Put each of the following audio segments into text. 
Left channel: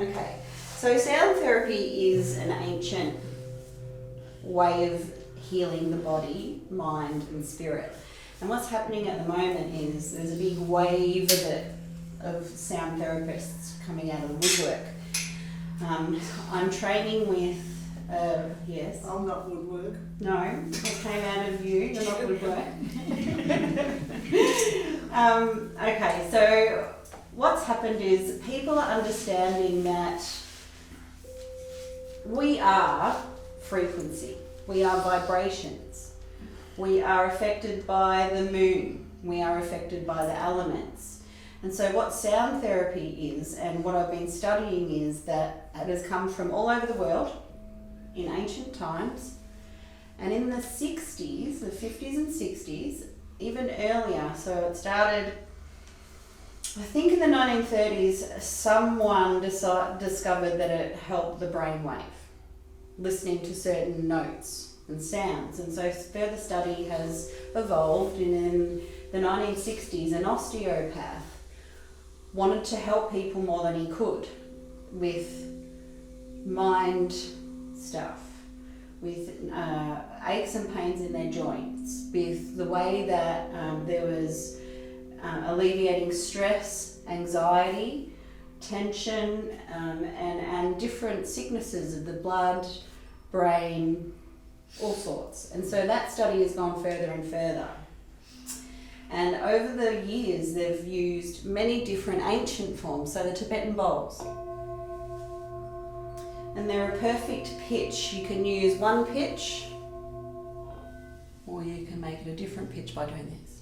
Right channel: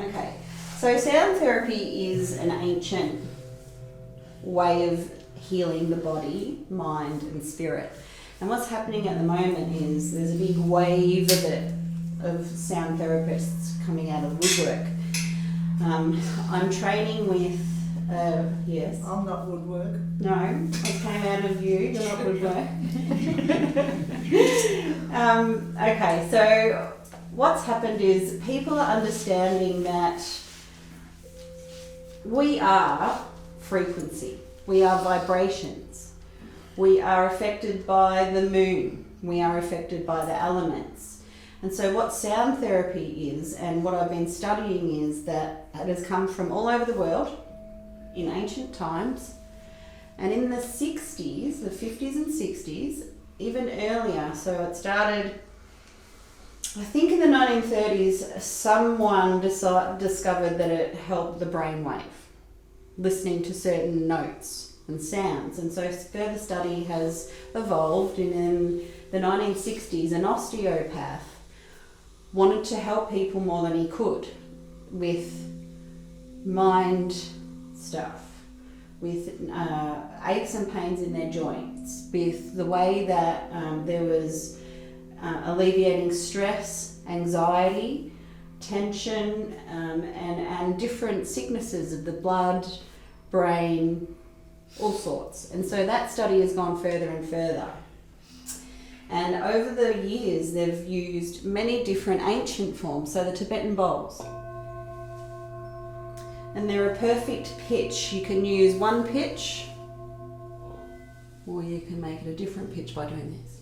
Okay, so sound therapy is an ancient way of healing the body, mind and spirit. And what's happening at the moment is there's a big wave of it, of sound therapists coming out of the woodwork. I'm training with, yes. I'm not woodwork. No, it came out of you, you're not woodwork. Okay, so what's happened is people are understanding that we are frequency, we are vibrations, we are affected by the moon, we are affected by the elements. And so what sound therapy is, and what I've been studying, is that it has come from all over the world in ancient times, and in the 60s, the 50s and 60s, even earlier, so it started, I think in the 1930s, someone discovered that it helped the brainwave, listening to certain notes and sounds. And so further study has evolved, and in the 1960s, an osteopath wanted to help people more than he could with mind stuff, with aches and pains in their joints, with the way that there was alleviating stress, anxiety, tension, and different sicknesses of the blood, brain, all sorts. And so that study has gone further and further. And over the years, they've used many different ancient forms, so the Tibetan bowls. And they're a perfect pitch. You can use one pitch, or you can make it a different pitch by doing this.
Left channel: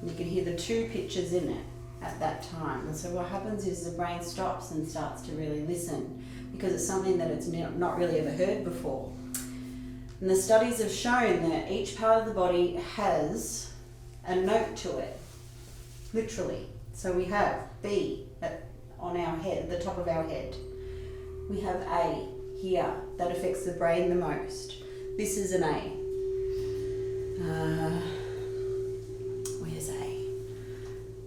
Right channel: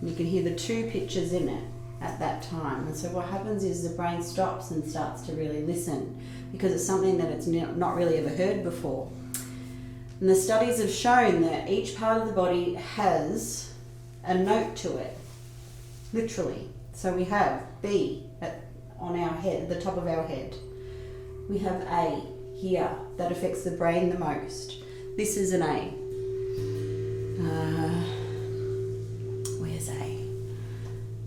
And you can hear the two pitches in it at that time. And so what happens is the brain stops and starts to really listen, because it's something that it's not really ever heard before. And the studies have shown that each part of the body has a note to it, literally. So we have B on our head, the top of our head. We have A here, that affects the brain the most. This is an A. Where's A?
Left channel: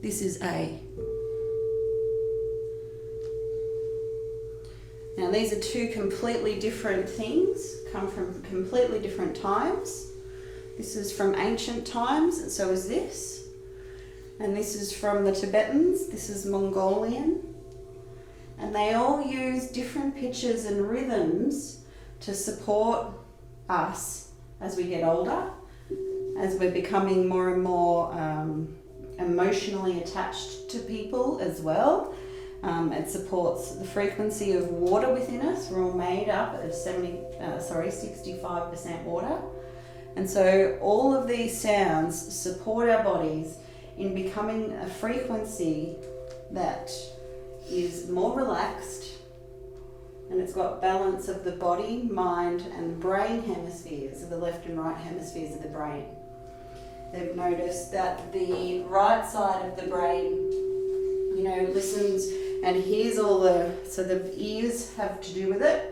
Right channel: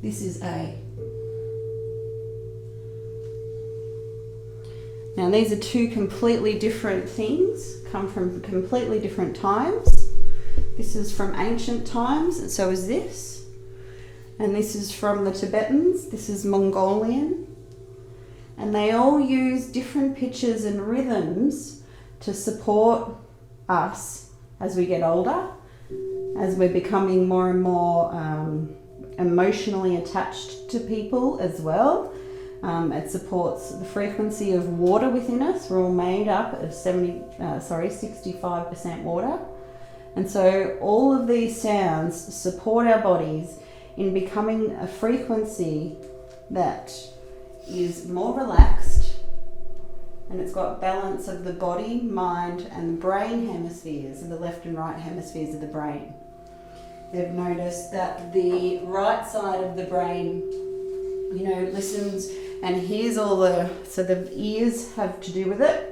This is A. Now these are two completely different things, come from completely different times. This is from ancient times, and so is this. And this is from the Tibetans, this is Mongolian. And they all use different pitches and rhythms to support us as we get older, as we're becoming more and more emotionally attached to people as well. It supports the frequency of water within us. We're all made up of 65% water. And so all of these sounds support our bodies in becoming a frequency that is more relaxed, and it's got balance of the body, mind and brain hemispheres, of the left and right hemispheres of the brain. They've noticed that the right side of the brain, listens and hears all so the ears have to do with it,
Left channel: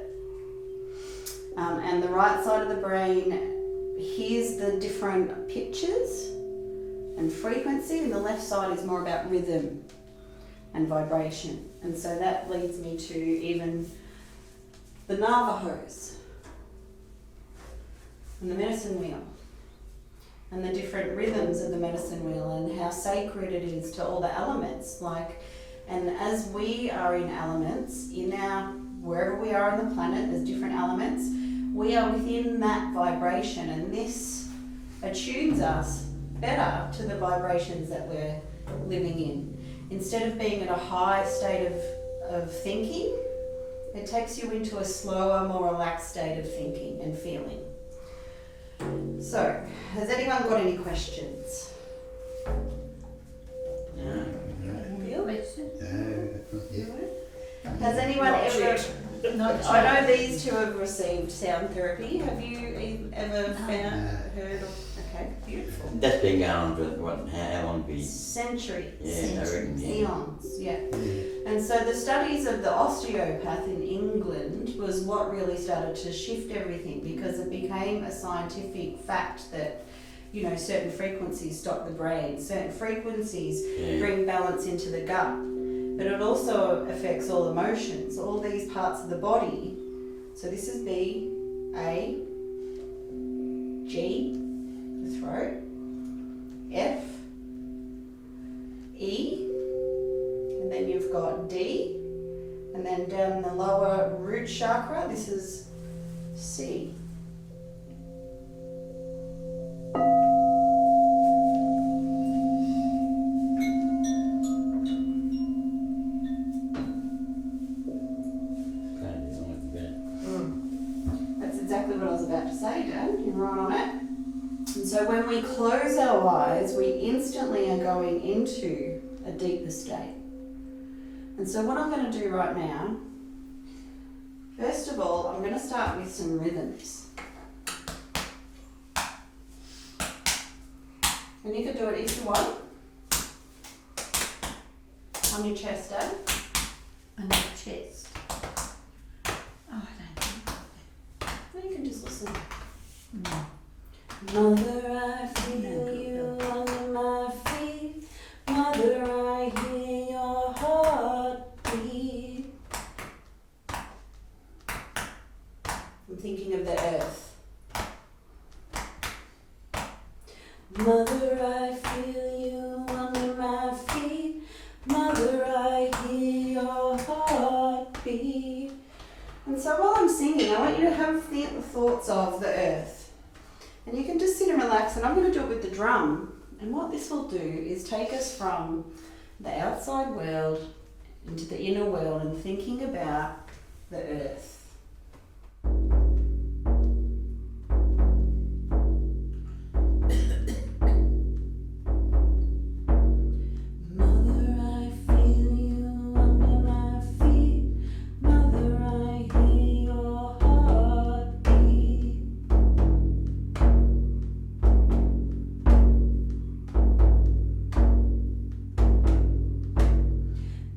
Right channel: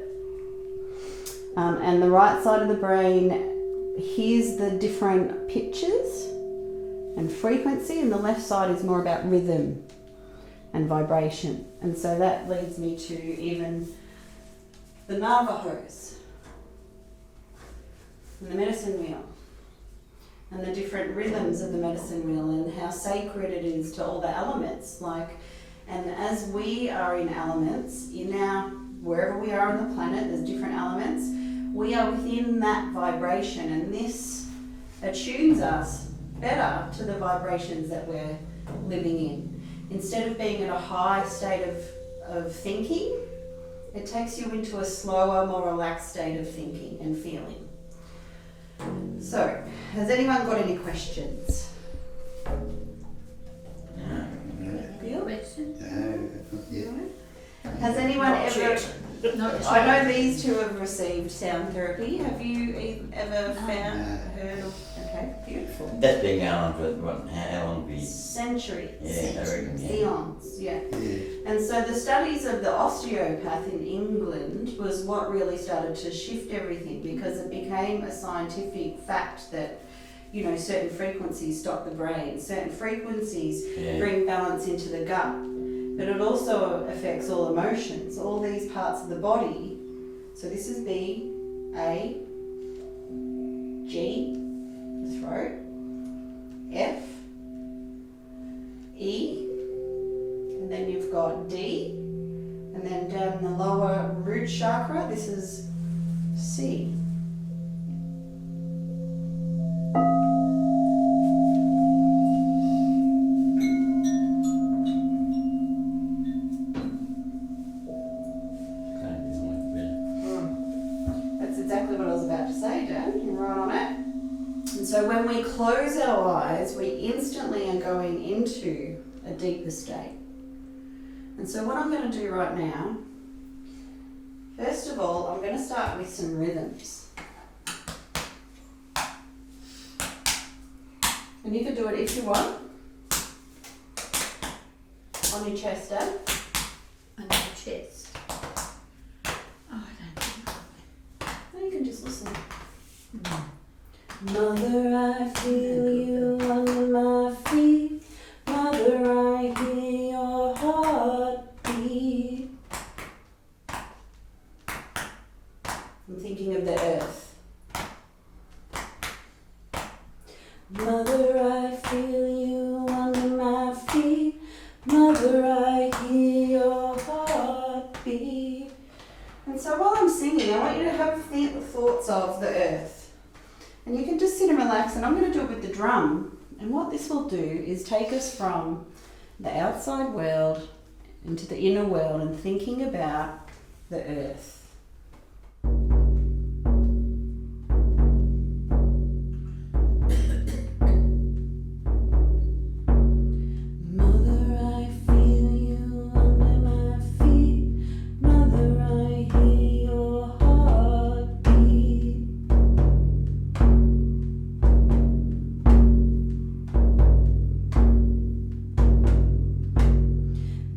and the right side of the brain hears the different pitches and frequency, and the left side is more about rhythm and vibration. And so that leads me to even the Navajos and the medicine wheel and the different rhythms of the medicine wheel, and how sacred it is to all the elements. And as we are in elements, wherever we are on the planet, there's different elements, we are within that vibration, and this attunes us better to the vibrations that we're living in. Instead of being in a high state of thinking, it takes you into a slower, more relaxed state of thinking and feeling. So, has anyone got any questions? Has anyone ever... I know these two have received sound therapy. Have you ever heard of... Okay, beautiful. That's been going for how long? Centuries. Yeah, Eons, yeah. And so the studies of the osteopath in England was what really started to shift everything, because it became a scientific fact that certain frequencies stop the brain, certain frequencies bring balance into the gut, but it also affects all emotions, all these parts of the body. So this is B, A, G, the throat, F, E, and then you've got D, and then down the lower root chakra, this is C. That's exactly what I was about to say, Dad. You're right on it. And so when we close our eyes, we instantly are going into a deeper state. And so what I'm going to do right now, first of all, I'm going to start with some rhythms. And you can do it if you want. On your chest, Dad. On your chest. Oh, I don't think. Or you can just listen. No. Mother, I feel you under my feet. Mother, I hear your heartbeat. I'm thinking of the earth. Mother, I feel you under my feet. Mother, I hear your heartbeat. And so while I'm singing, I want you to have thoughts of the earth. And you can just sit and relax, and I'm going to do it with the drum. And what this will do is take us from the outside world into the inner world and thinking about the earth. Mother, I feel you under my feet. Mother, I hear your heartbeat.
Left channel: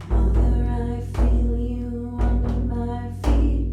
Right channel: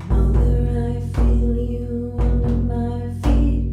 Mother, I feel you under my feet.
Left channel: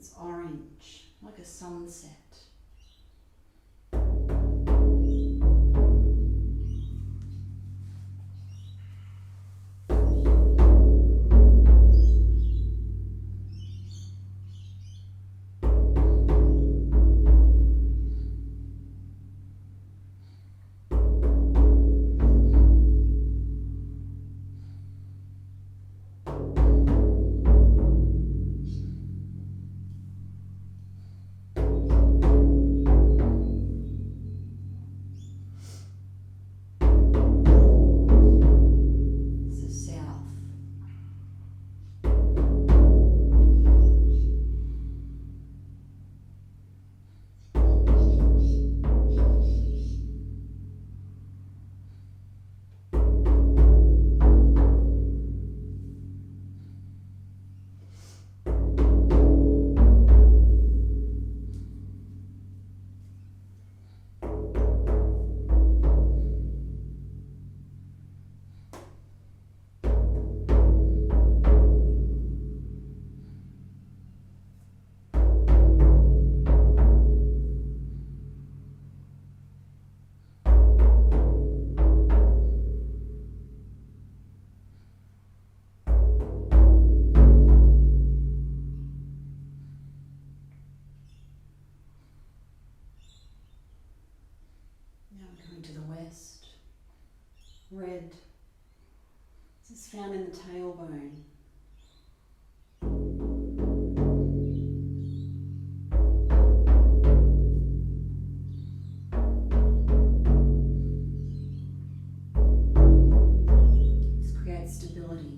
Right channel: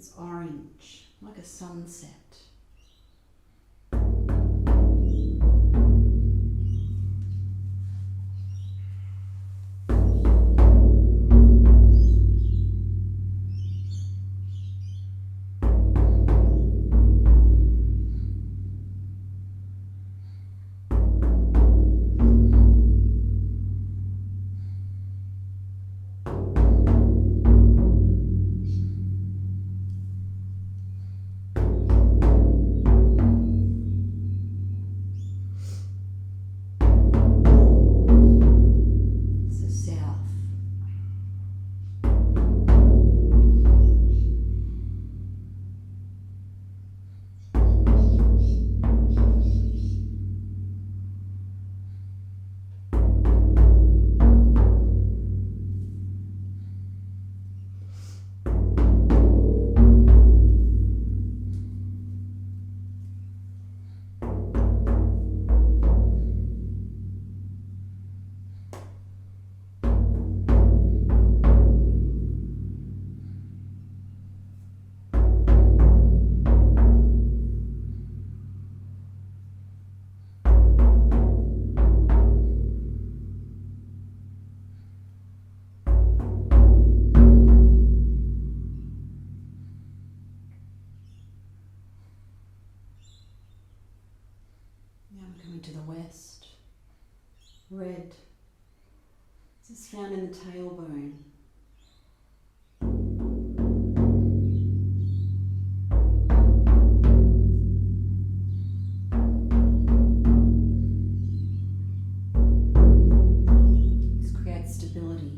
It's orange, like a sunset. To the west. Red. This is found in the tailbone. This creates stability.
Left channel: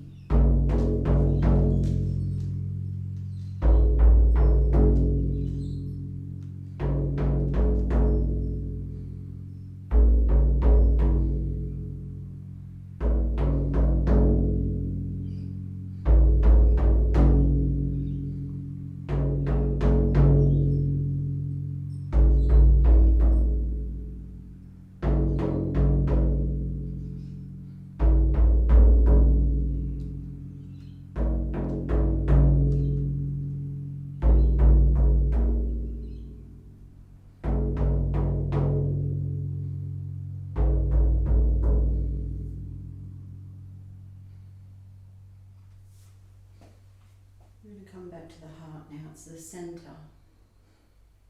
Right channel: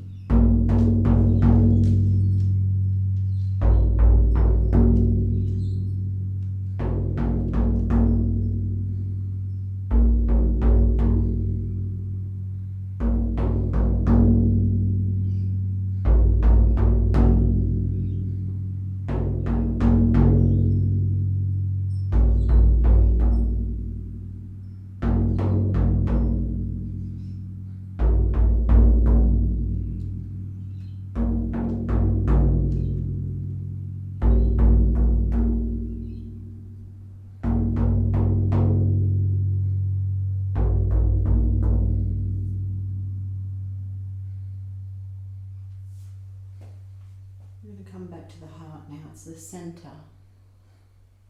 Come back to the heart now. It's the center,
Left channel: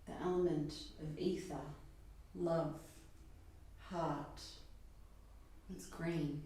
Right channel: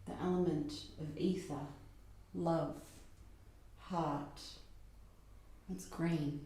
the element of ether, love, heart. It's green.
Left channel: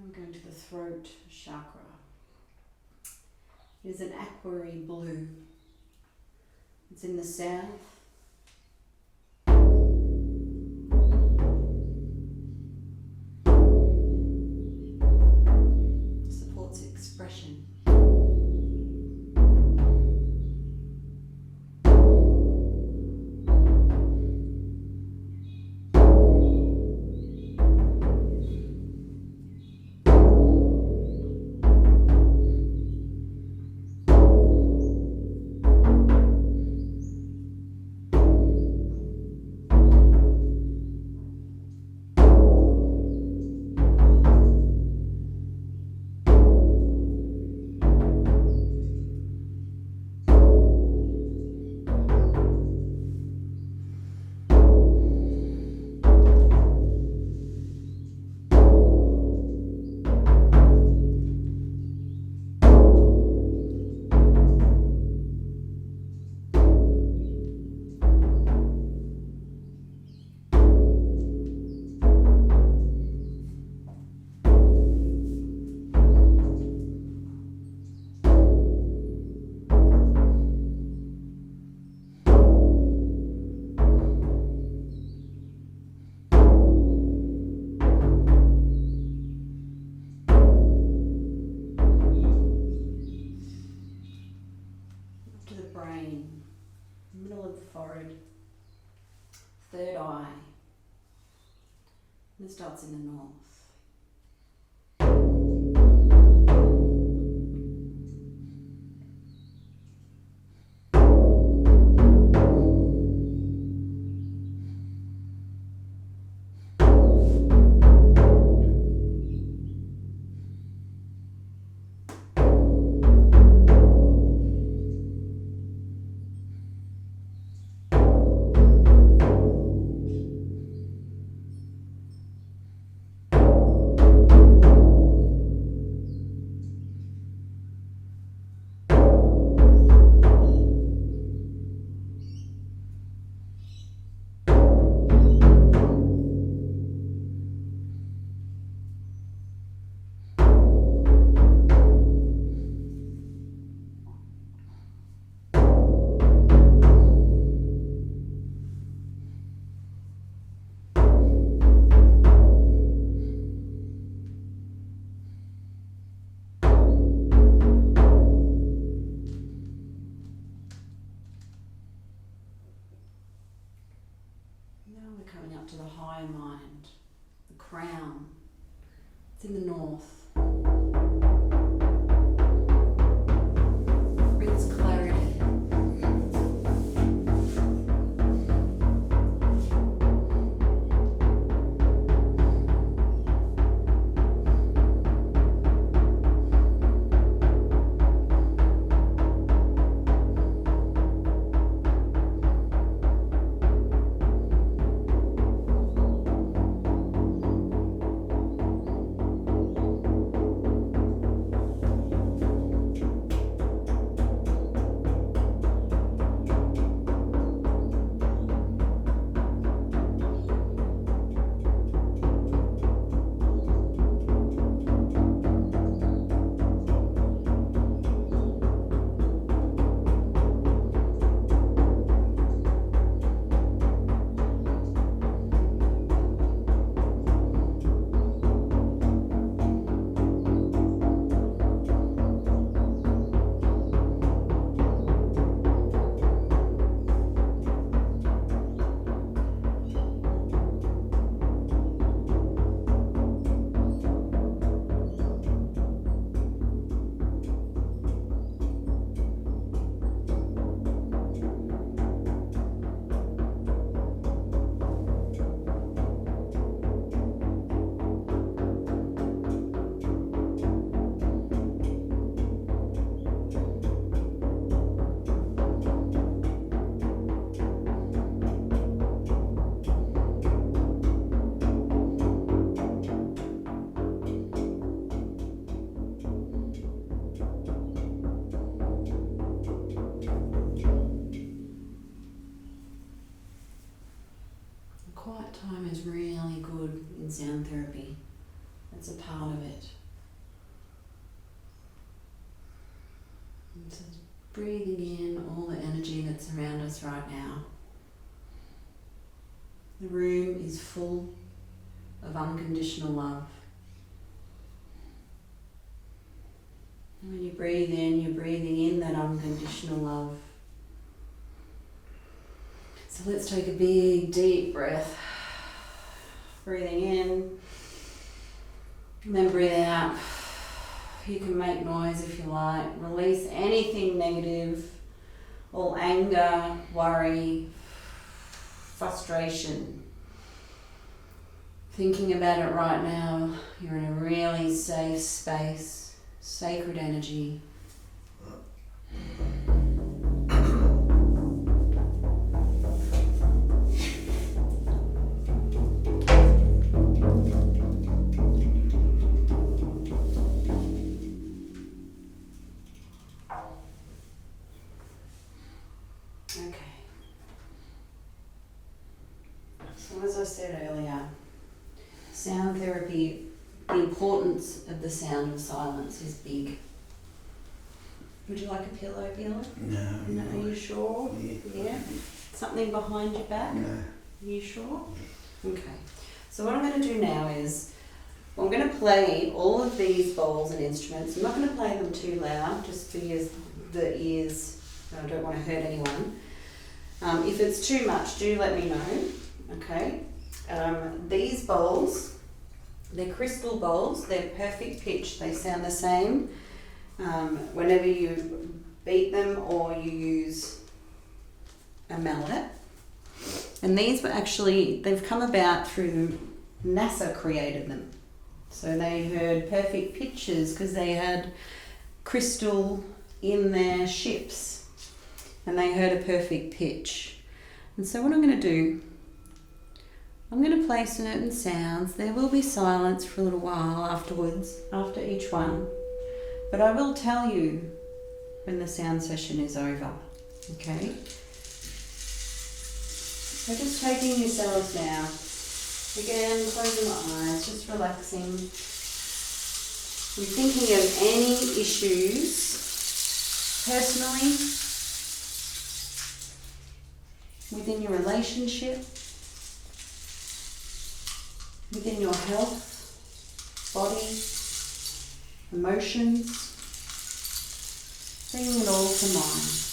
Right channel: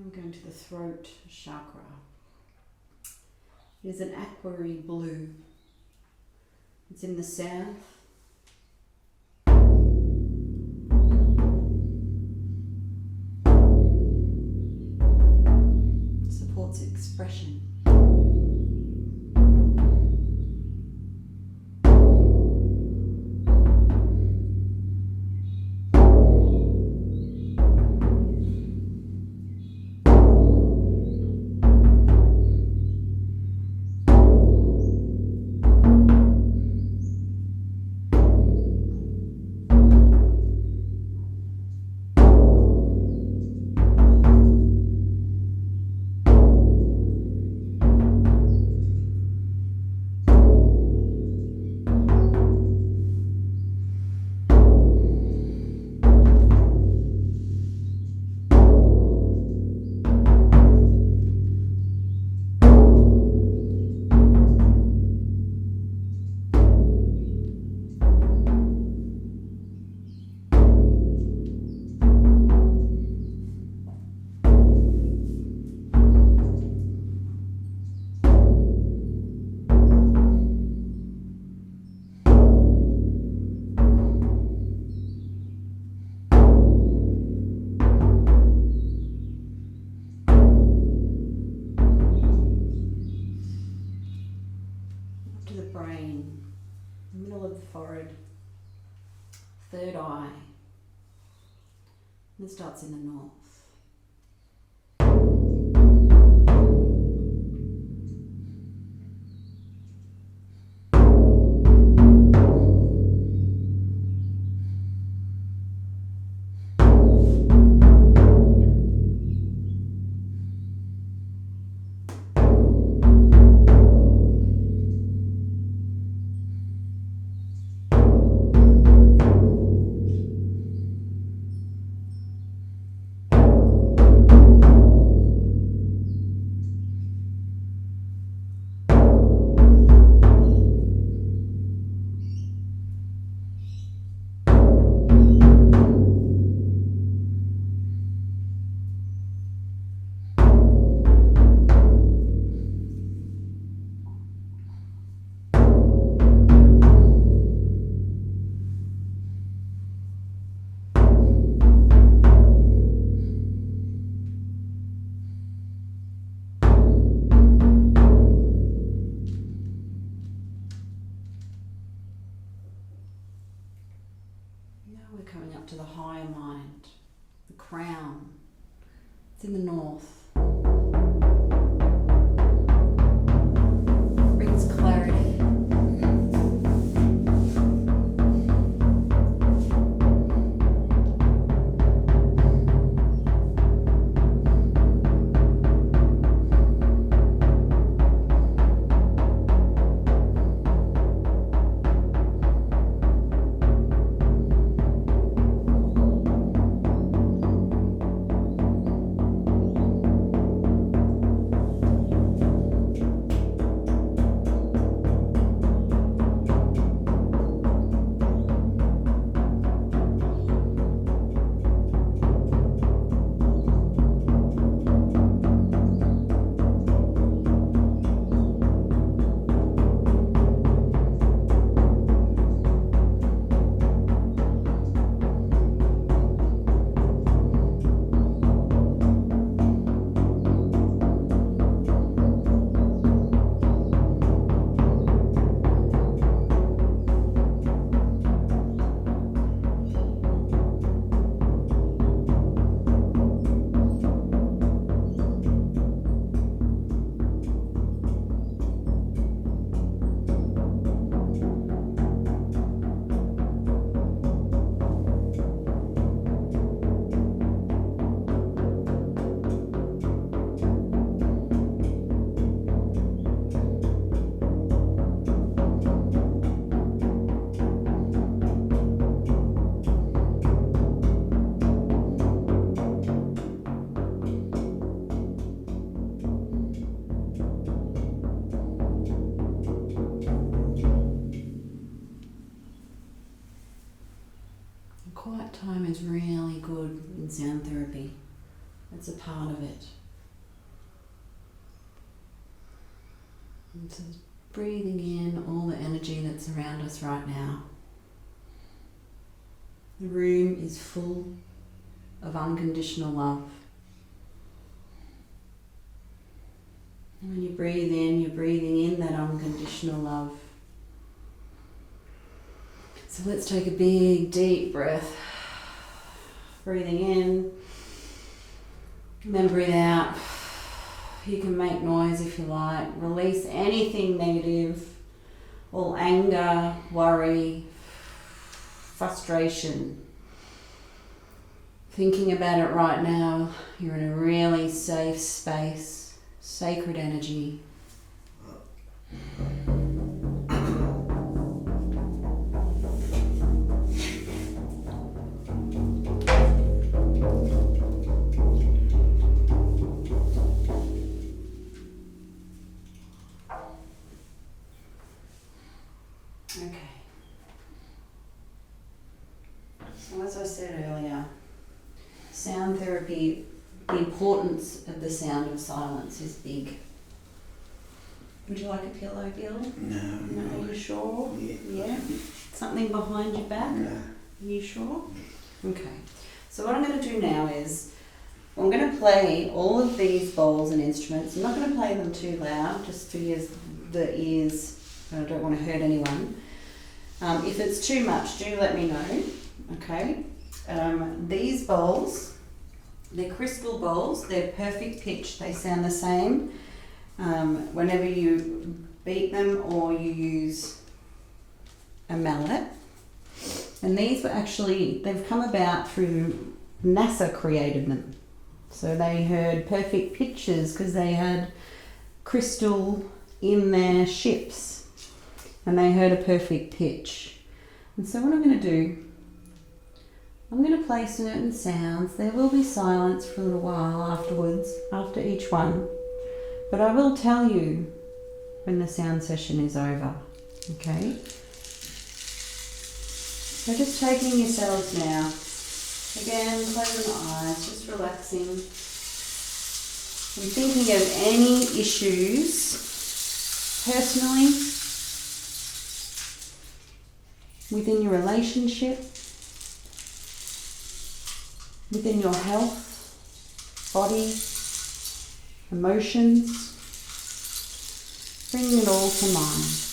I'm going to the throat chakra. It is an aquary blue. It's in the south. It supports expression. to the brain, middle of the forehead, third eye, and it starts in the north. Coming up to the higher mind, the crown. It's in the north. Brings clarity. Quiet time is really good in sound therapy. It's a part of it. And so breathing in all the energy that's around us right now. The room is full of unconditional love. And when you breathe in, you're breathing in that unconditional love. So let's take a big, deep breath. Breathing in, and then breathe out. You can make noise if you like. Release anything negative, all anger, worry, frustration. Thinking about it right now, you're in a really safe space, sacred energy. Sound therapy, the importance of the sound of silence is big. Would you like a pillow, Bill? No. Are you sure? Yeah. Something behind your back? No. Are you sure? Okay. So what I'm going to do now is I'm going to play all of these bowls and instruments. I'm not going to play them too loud, just for the ears I don't want to hurt anyone. If it's too much, do let me know, okay? These bowls, they're crystal bowls, they're perfect pitch, they sound the same whenever you beat them or you use a mallet. And these were actually, they've come about through NASA created them. So they heard perfect pitches because they had crystal in their ships and they heard a perfect pitch. And so what I'm going to do, I'm going to play certain sounds. There will be silence for a little while afterwards, after each one. But I will tell you when the sound session is over, okay? So just taking yourselves now. Again, closing the eyes, just relaxing. I'm thinking of any issues personally within your relationship, within your health, body, emotions. Bring it all to mind.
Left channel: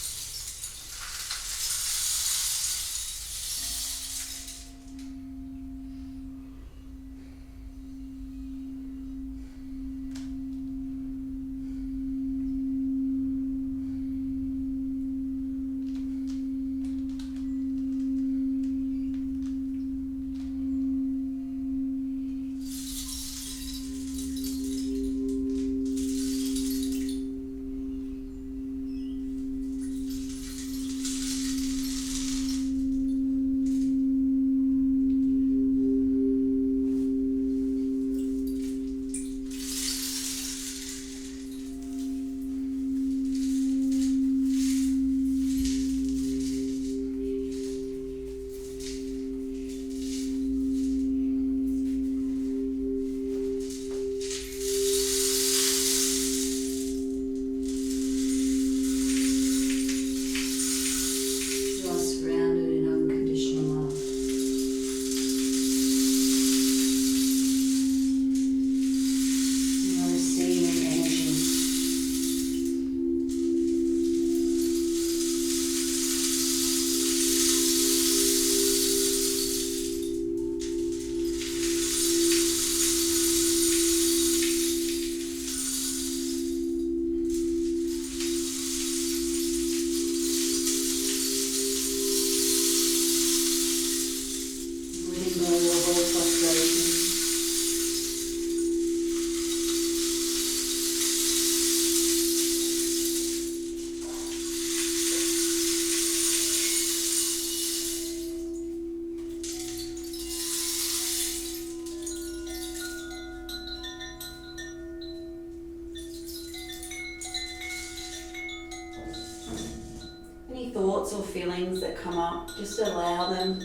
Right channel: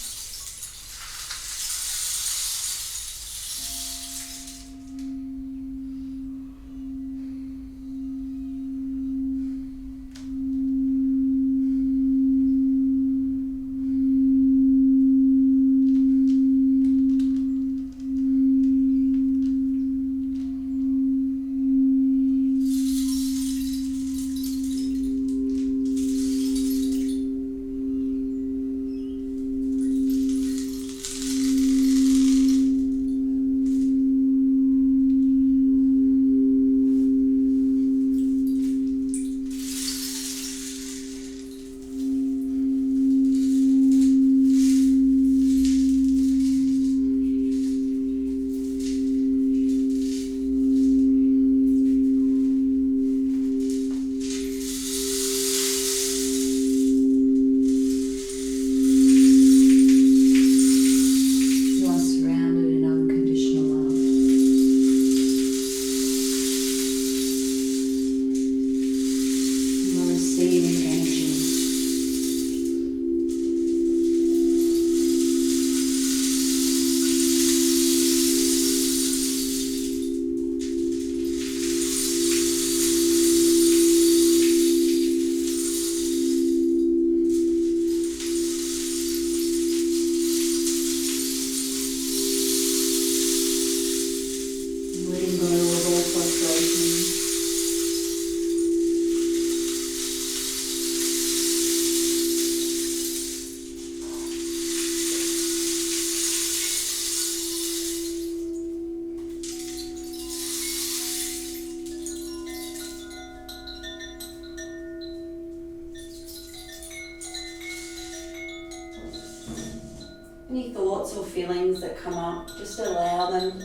Any thoughts or feelings that come up, just allow them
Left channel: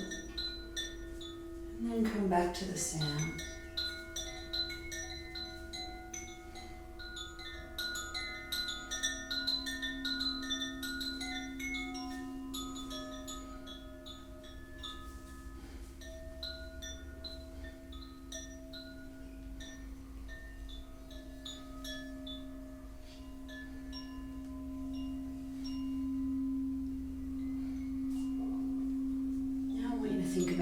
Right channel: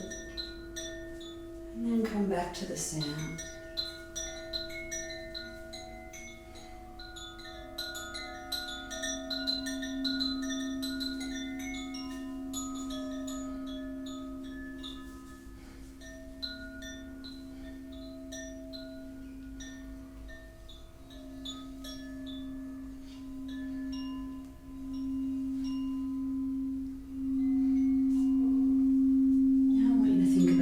and then come back to the sound.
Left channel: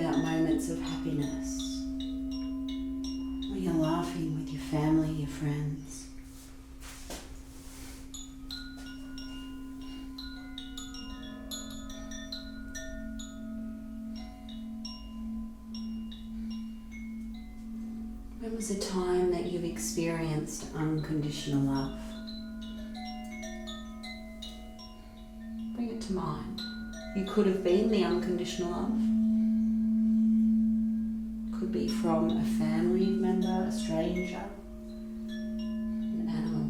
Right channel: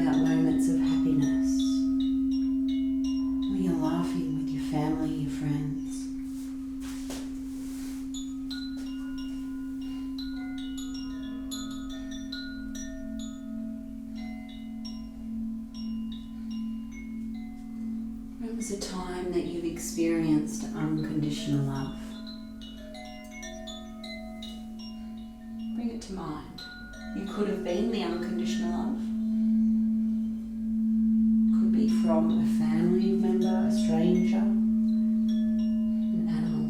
Moments of happiness when you're laughing with your family, your friends. When was a time that you've experienced unconditional love? Bring it to mind. You could have been the unconditional love. Be from a family member, a stranger, an animal.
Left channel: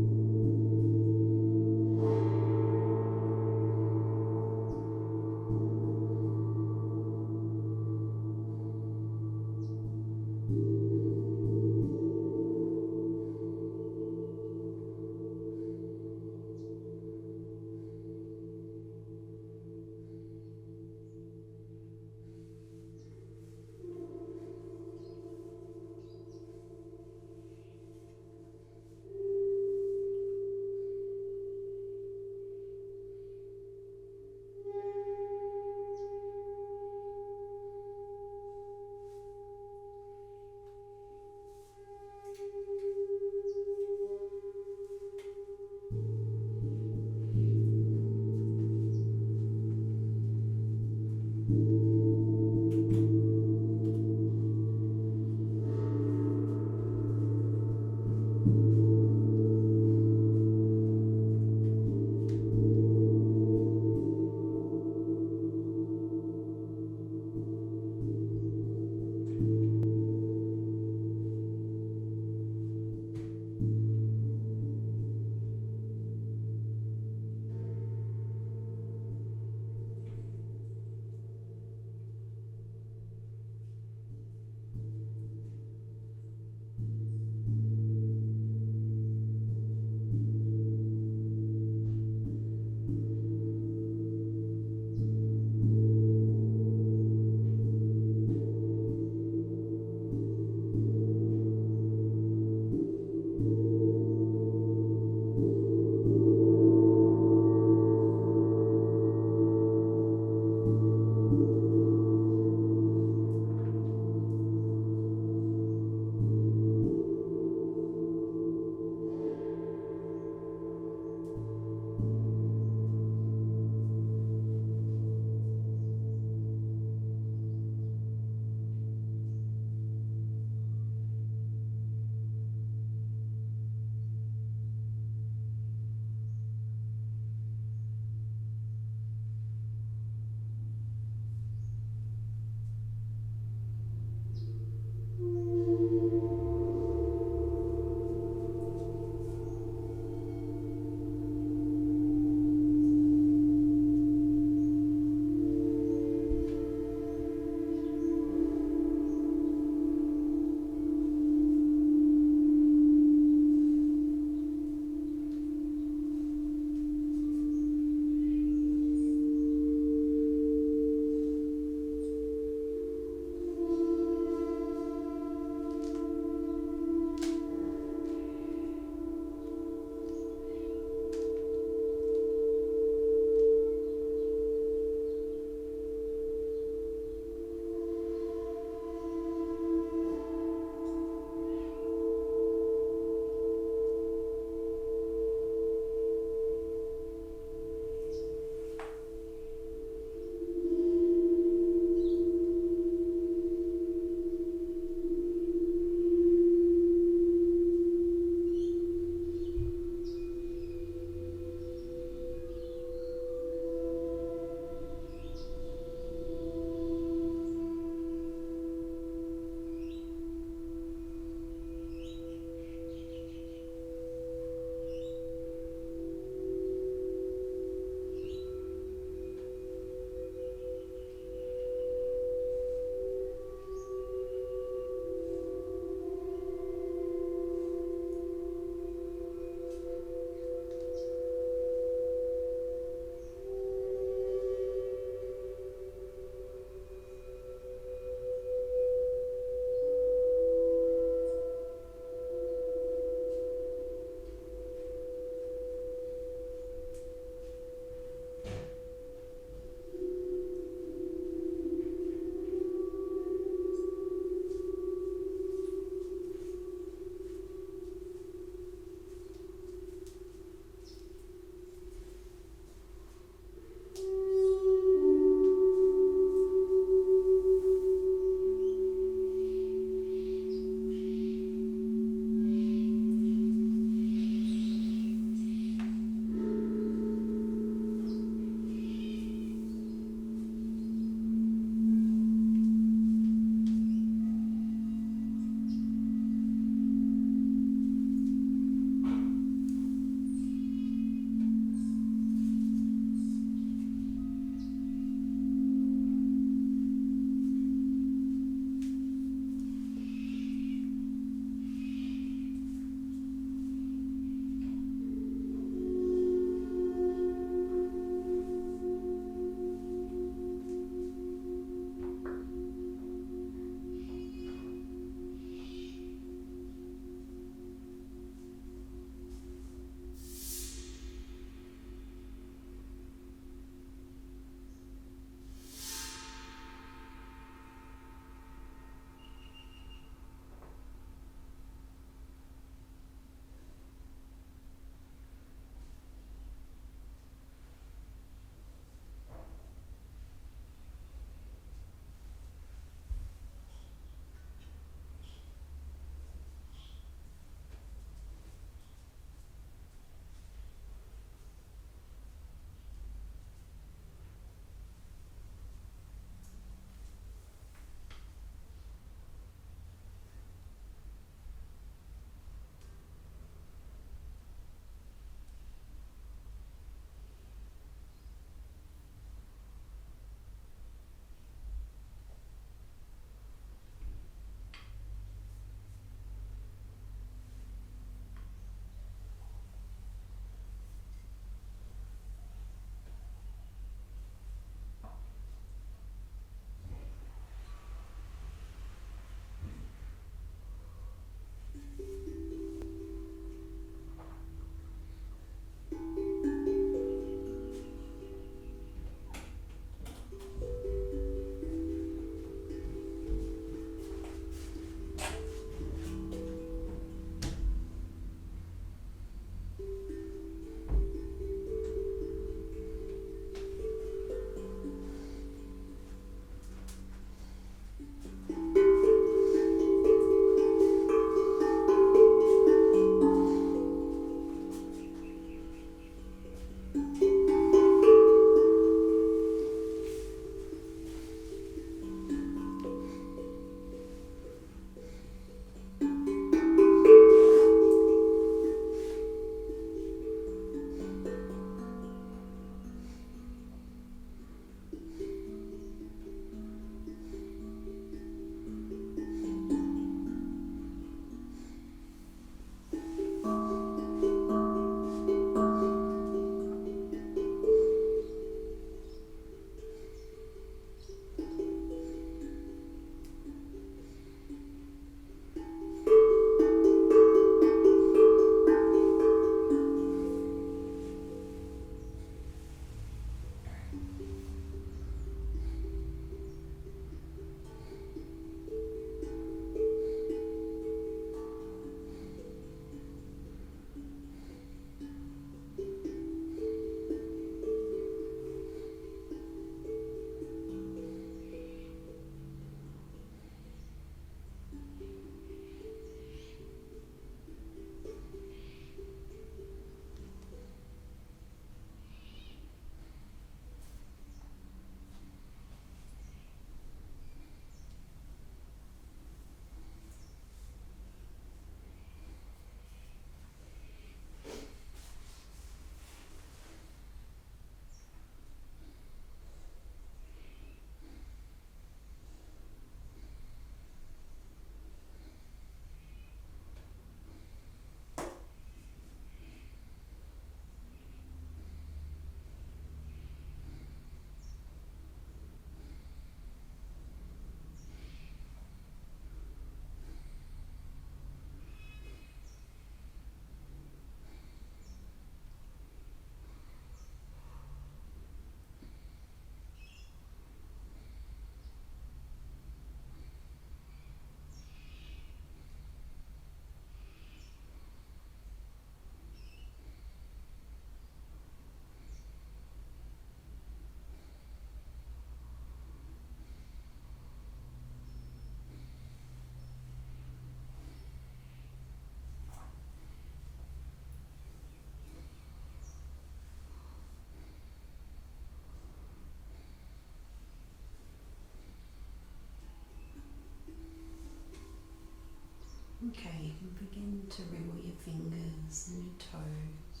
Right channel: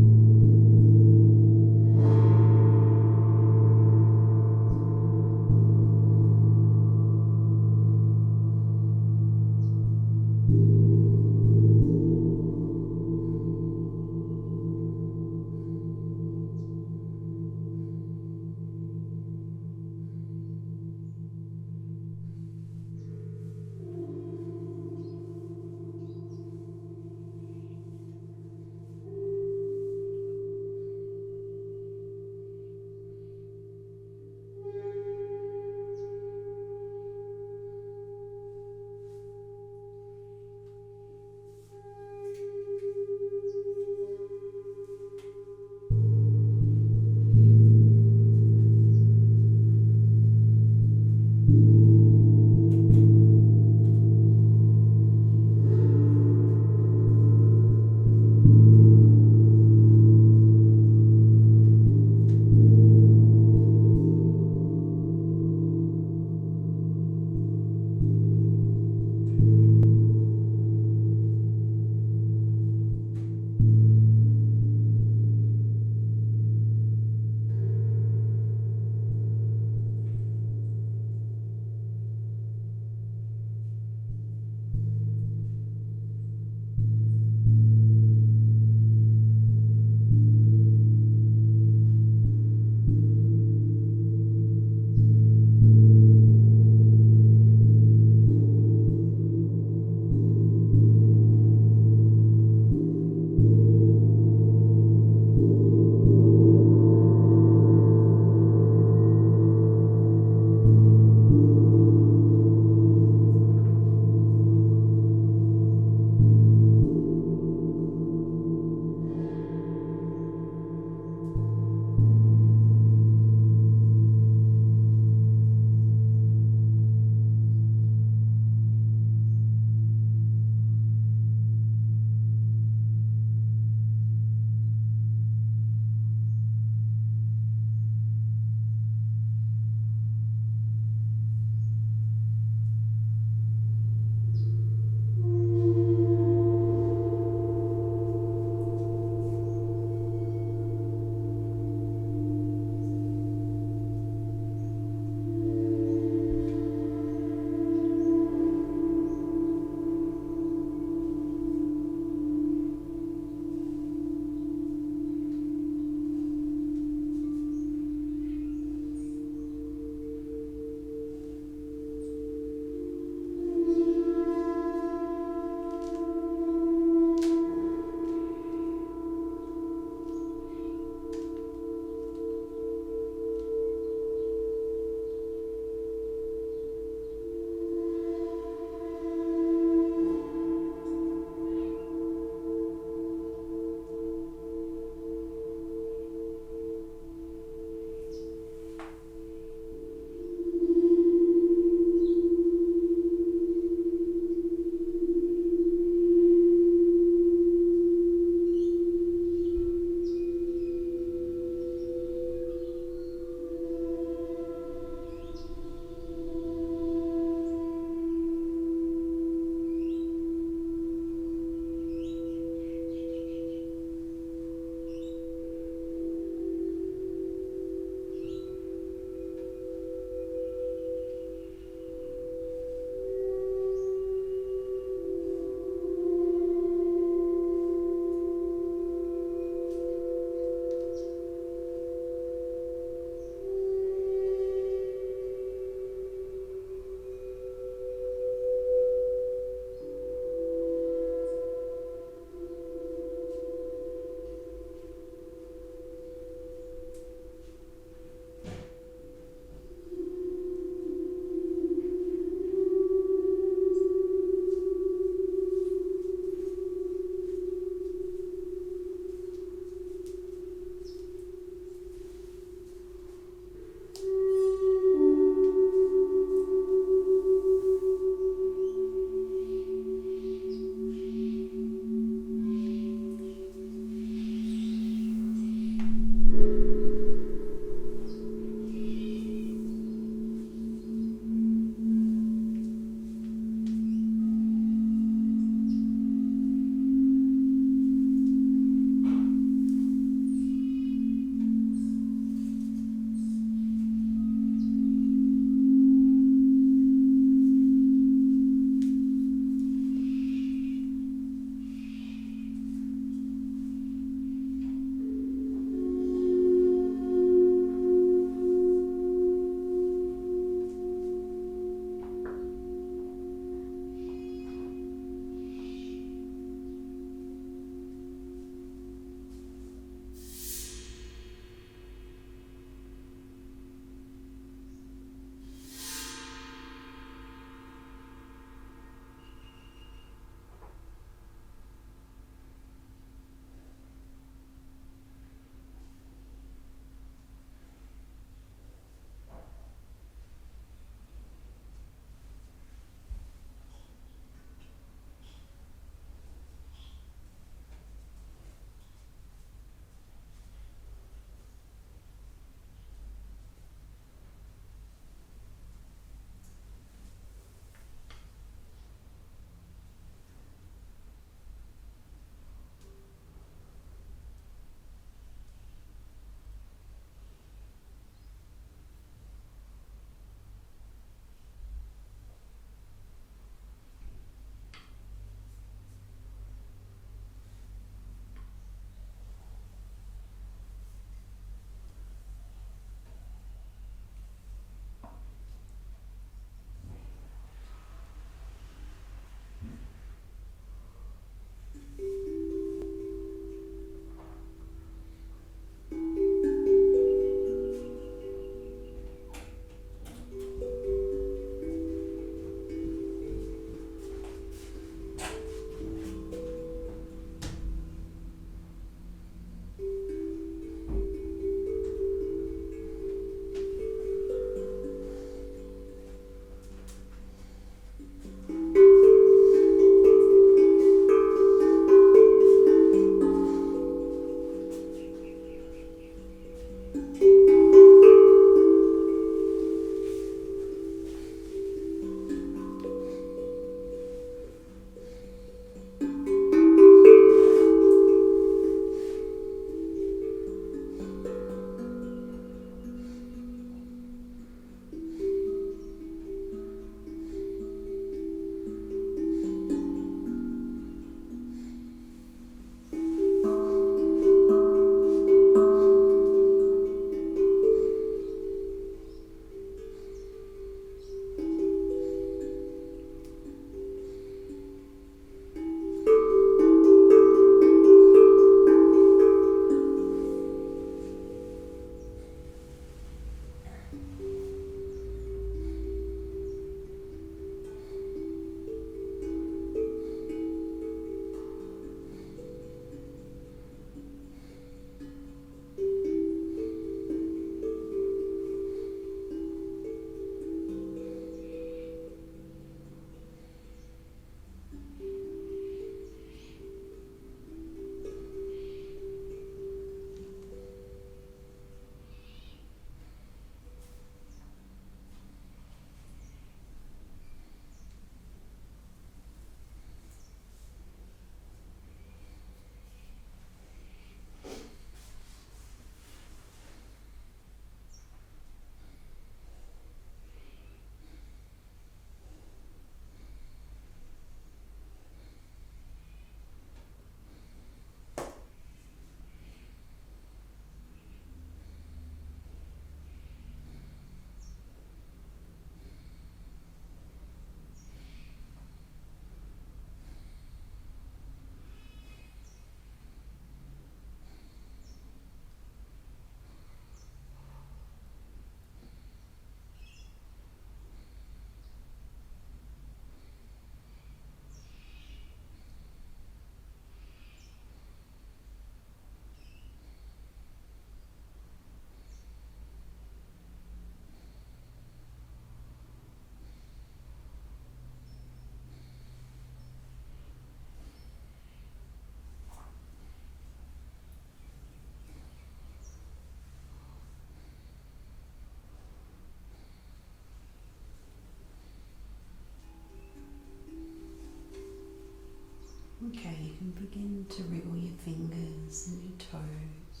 Begin to wriggle your fingers and your toes.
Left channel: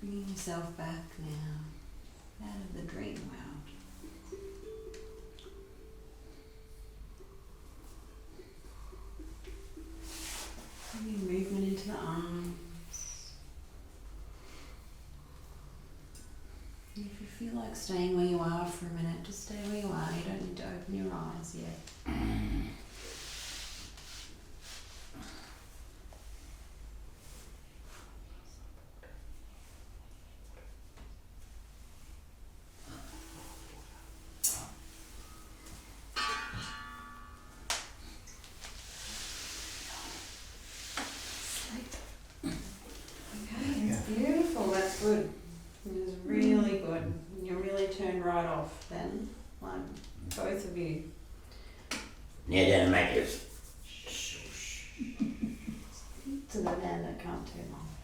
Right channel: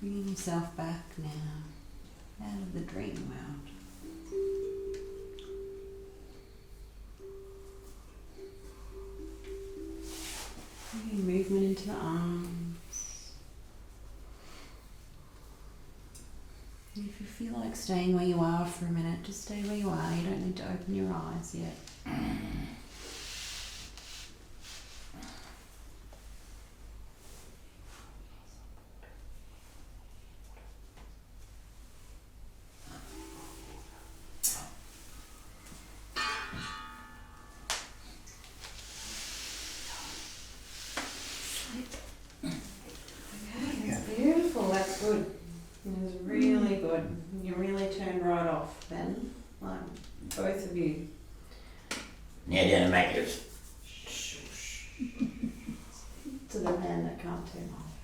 Bringing yourself back now out of the dream world. Bringing movement into the arms. If you feel like staying where you are for a minute, just stay where you are. You don't need to open your eyes yet. Okay, that's beautiful. That's good. It was really good. You really turned right off then, like both of you. Yeah, don't make it. To the man that can't turn off.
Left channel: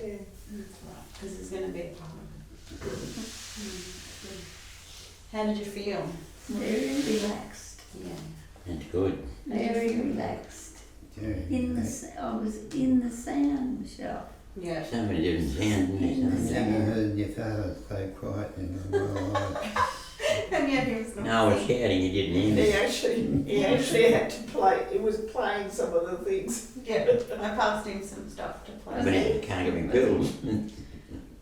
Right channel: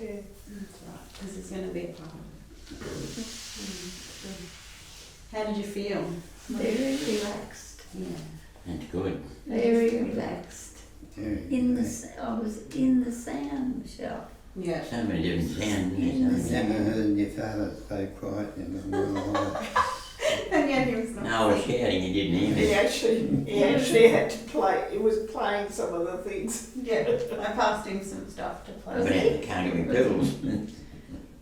Yeah. That's right, because it's going to be a problem. How did you feel? Very relaxed. Yeah. That's good. Very relaxed. I was in the sound shop. Yeah. So many different sounds. In the I've never heard your father so quiet in my life. And yet he was not. No, I was shouting, you didn't hear He me. actually had to play. He was playing some of the things. Yeah, I passed him some stuff to play. But I can't get my pills.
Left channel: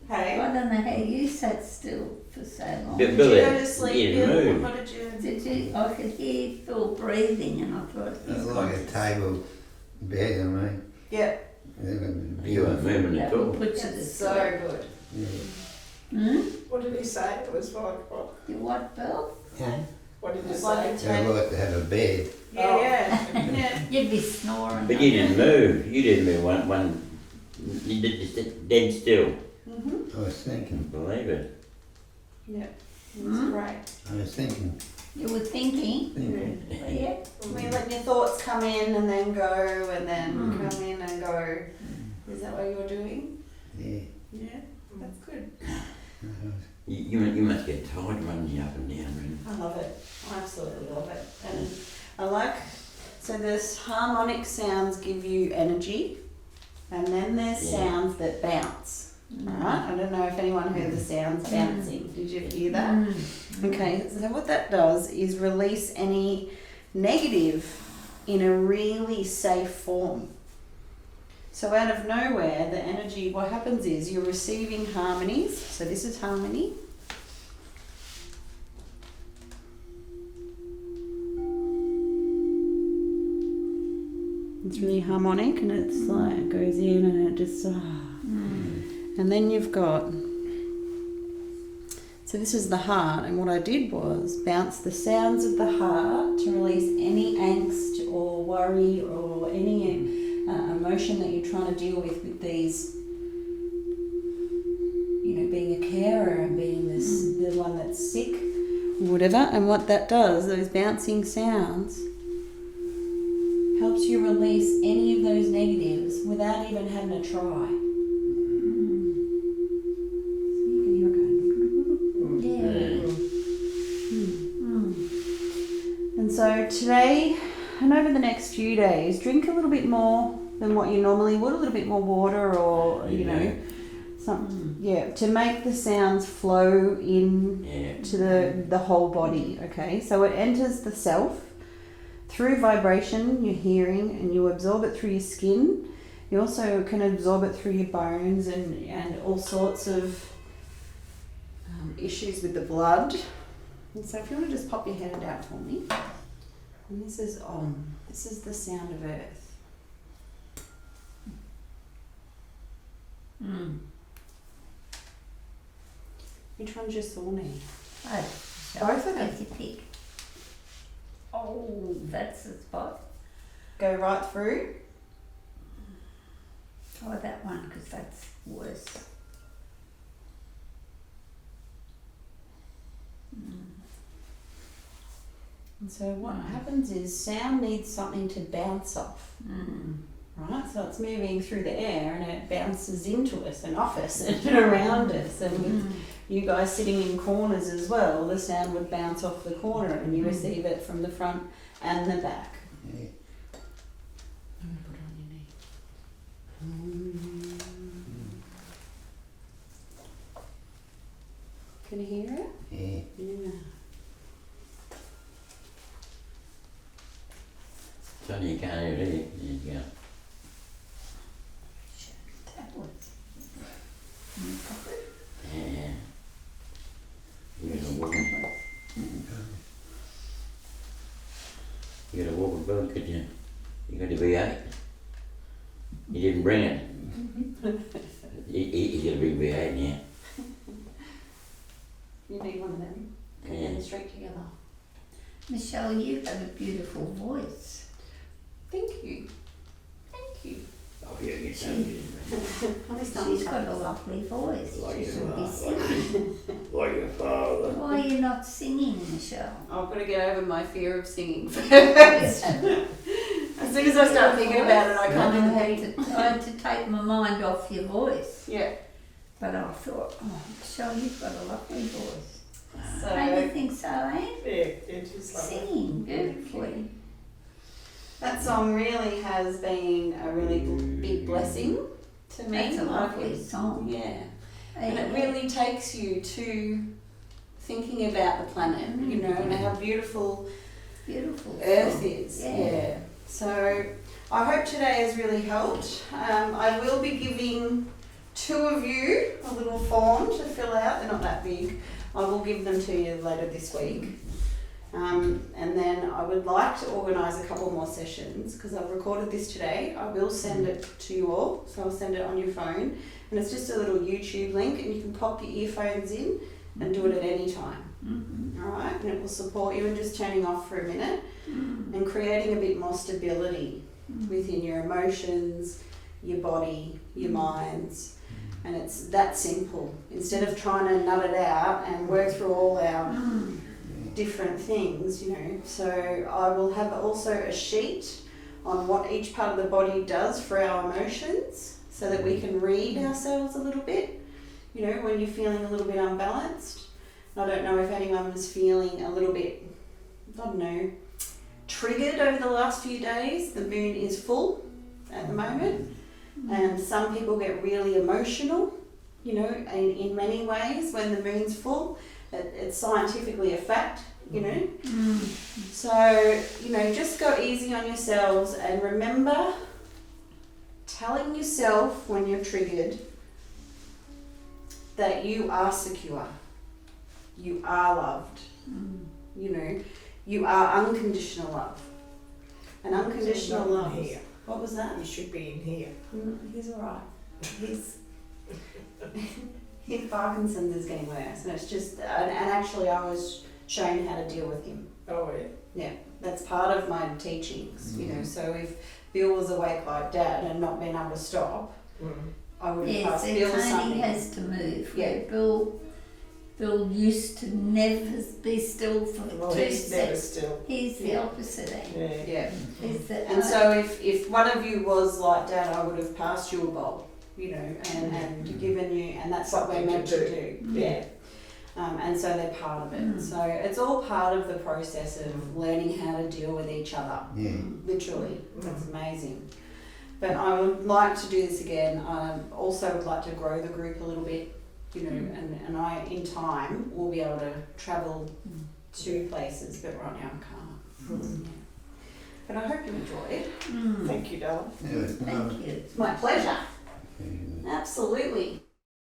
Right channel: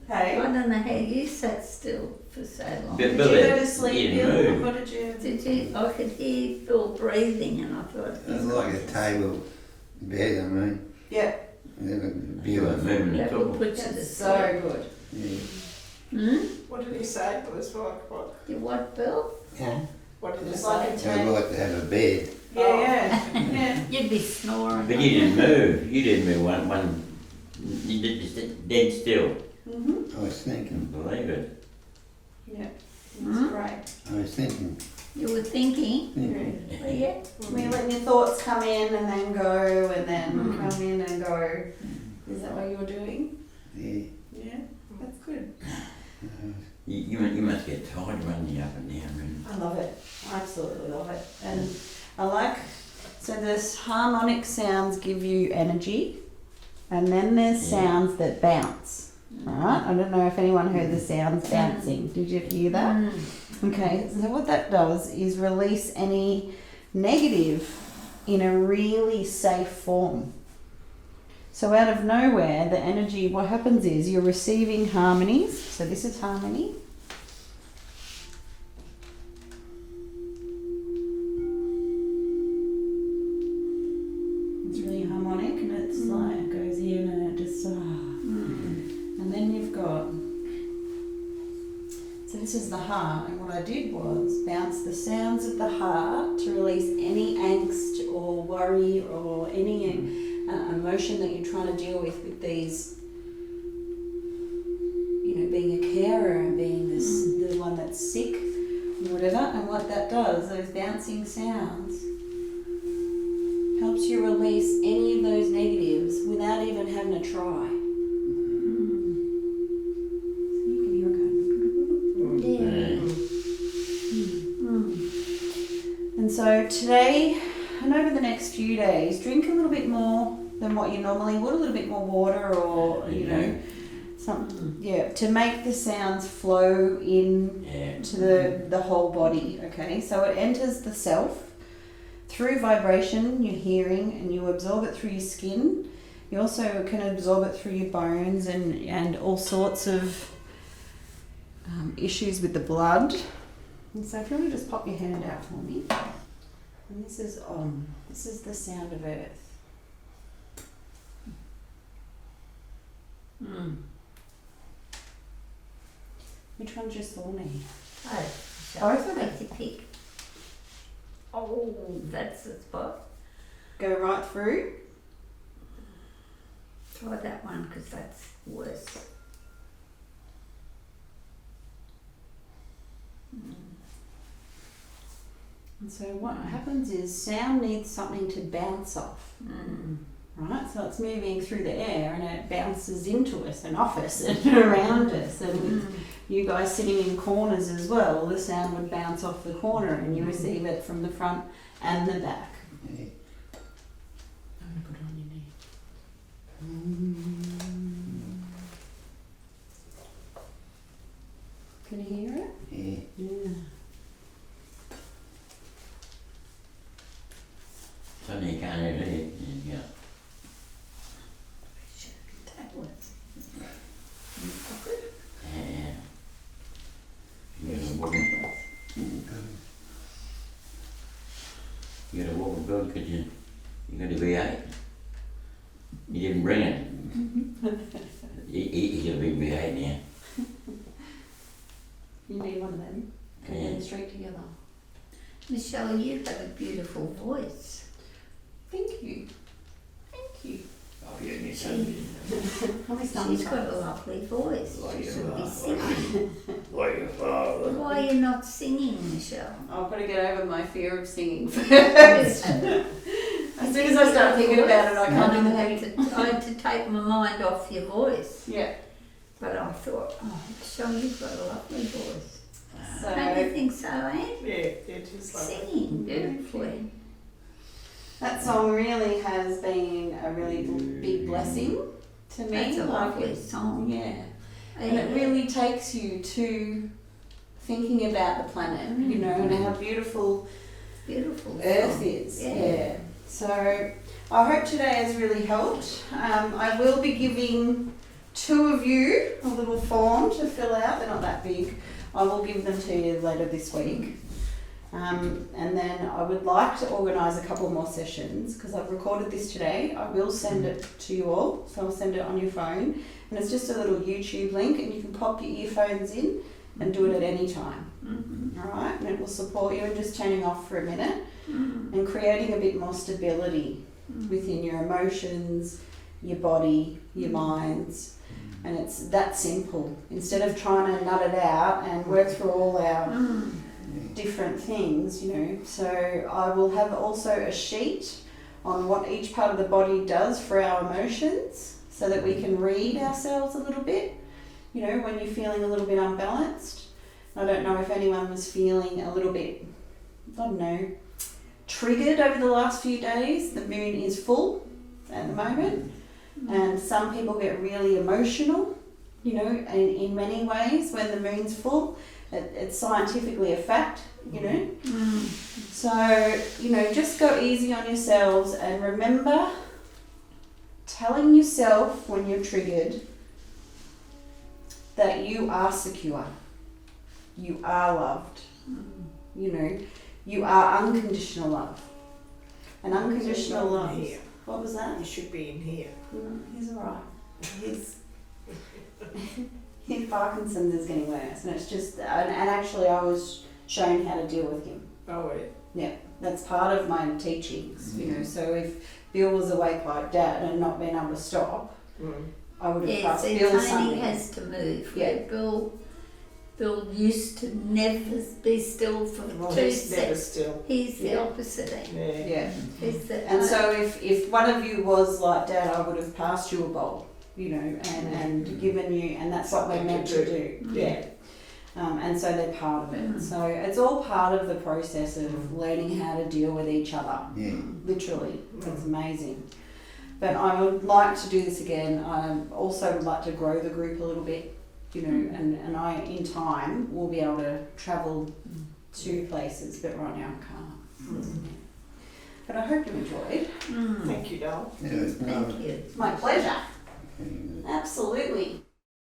Hey, I don't know how you sat still for so long. But did you Billy, go to sleep, you Bill? didn't move. What did you? Did you? I could hear Phil breathing, and I thought. It's like a table bed, I mean. Yeah, It would be You weren't beautiful. moving at That will all. put you to that's sleep. so good. Yeah. What did he say? It was like what? You what, Bill? Yeah. What did he It's say? like a I'd like to have a bed. Yeah, yeah. You'd be snoring. But you didn't move. You didn't move one. You did just dead still. Mhm. I was thinking, Believe it. Yeah, it was great. I was thinking. You were thinking. Mm-hmm. Yeah. We letting your thoughts come in and then go, and then come in and go. Is that what you're doing? Yeah. Yeah, that's good. You must get tired running up and down. Really. I love it. I absolutely love it. And I like, so this harmonic sounds give you energy, and then there's Yeah. sounds that bounce. Alright, I don't know if anyone heard the sounds bouncing. Did you hear that? Okay, so what that does is release any negative in a really safe form. So out of nowhere, the energy, what happens is you're receiving harmonies. So this is harmony. It's really harmonic, and it's like it goes in and it just and then you've got, so this is the heart, and what I did was bounce the sounds of the heart to release any angst or worry or any emotion that you're trying to deal with these, you know, being a carer and being this the one that's sick or whatever. And what that does, those bouncing sounds, helps you release any of those negatives without even having to try. So you can hear it going. Yeah. And so today and over the next few days, drink a little bit more than what you normally would, a little bit more water, or you know, something, to make the sounds flow in to the whole body. Okay, so it enters the self through vibration, your hearing, and you absorb it through your skin. You also can absorb it through your bones and all sorts of issues with the blood. And so if you want to just pop your hand out for me. And this is on. This is the sound of earth. Which one's your thorny? Oh, Both of them. to pick. Oh, that's the spot. Go right through. Try that one because that's worse. And so what happens is sound needs something to bounce off. Right, so it's moving through the air and it bounces into us and off us and around us, and with you guys sitting in corners as well, the sound would bounce off the corner and you receive it from the front and the back. Yeah. Can you hear it? Yeah. Yeah. Funny you can't hear it. Yeah. Tablets. And you got a walker. You got a walker boat, could you? You got a V8. You didn't bring it. You got a big V8 now. You need one of them. Put Yeah. them straight together. Michelle, you have a beautiful voice. Thank you. Thank you. Oh, yeah, you Probably She's got a lovely voice. Like She your should be mum, singing. like your father. Why are you not singing, Michelle? I've got to get over my fear of singing first. Yes. As soon as I start thinking about it, I can't I even had to take my mind off your voice. Yeah. But I thought, oh, Michelle, you've got a lovely voice. So Don't you think so, Anne? Yeah, it is like that. Singing beautifully. that song really has been a really big blessing to me. That's a Like lovely it's- song. Yeah. And it really takes you to thinking about the planet, you know, and how beautiful Beautiful Earth song. is. Yeah. Yeah. So I hope today has really helped. I will be giving 2 of you a little form to fill out. They're not that big. I will give them to you later this week. And then I would like to organise a couple more sessions because I've recorded this today. I will send it to you all. So I'll send it on your phone. And it's just a little YouTube link and you can pop your earphones in and do it at any time. Mm-hmm. Alright? And it will support you in just turning off for a minute Mm-hmm. and creating a bit more stability within your emotions, your body, your minds. And it's that simple. Instead of trying to nut it out and work through all our different things, you know. So I will have also a sheet on what each part of the body does for our emotions so that we can read ourselves a little bit, you know, when you're feeling a little bit unbalanced. I don't know if anyone was feeling a little bit, I don't know, triggered over the last few days. The moon is full at the moment. And some people get really emotional, you know, and in many ways when the moon's full, it's scientifically a fact, you know. So, you know, just go easy on yourselves and remember telling yourself when you're triggered that you are secure, you are loved, you know, you are unconditional love. And unconditional He's love. here. What was that? He should be in here. No, he's alright. His Parkinson is getting worse, and it's just and actually I was shown how to deal with him. Oh, yeah. That's part of my teachings, you know. So if Bill was awake like Dad and not being able to stop, I would have Yes, passed and Bill Tony something. has to move. Yeah. Where Bill used to never be still for Well, 2 he's never seconds. still. He's the Yeah. opposite end. Yeah. Yeah. He's the, And so if one of you was like Dad, I would have passed you a bowl, you know, and given you, and that's what we're Something meant to to do. do. Yeah. And so they're part of it. So it's all part of the process of learning how to deal with each other. Yeah. Literally. It's amazing. But I would like to do this again. I also would like to grow the group a little bit, you know, and I, in time, will be able to travel to places, but right now I can't. Yeah. But I hope you enjoyed. Thank you, darling. It was Thank you. It's my pleasure. marvellous. Absolutely.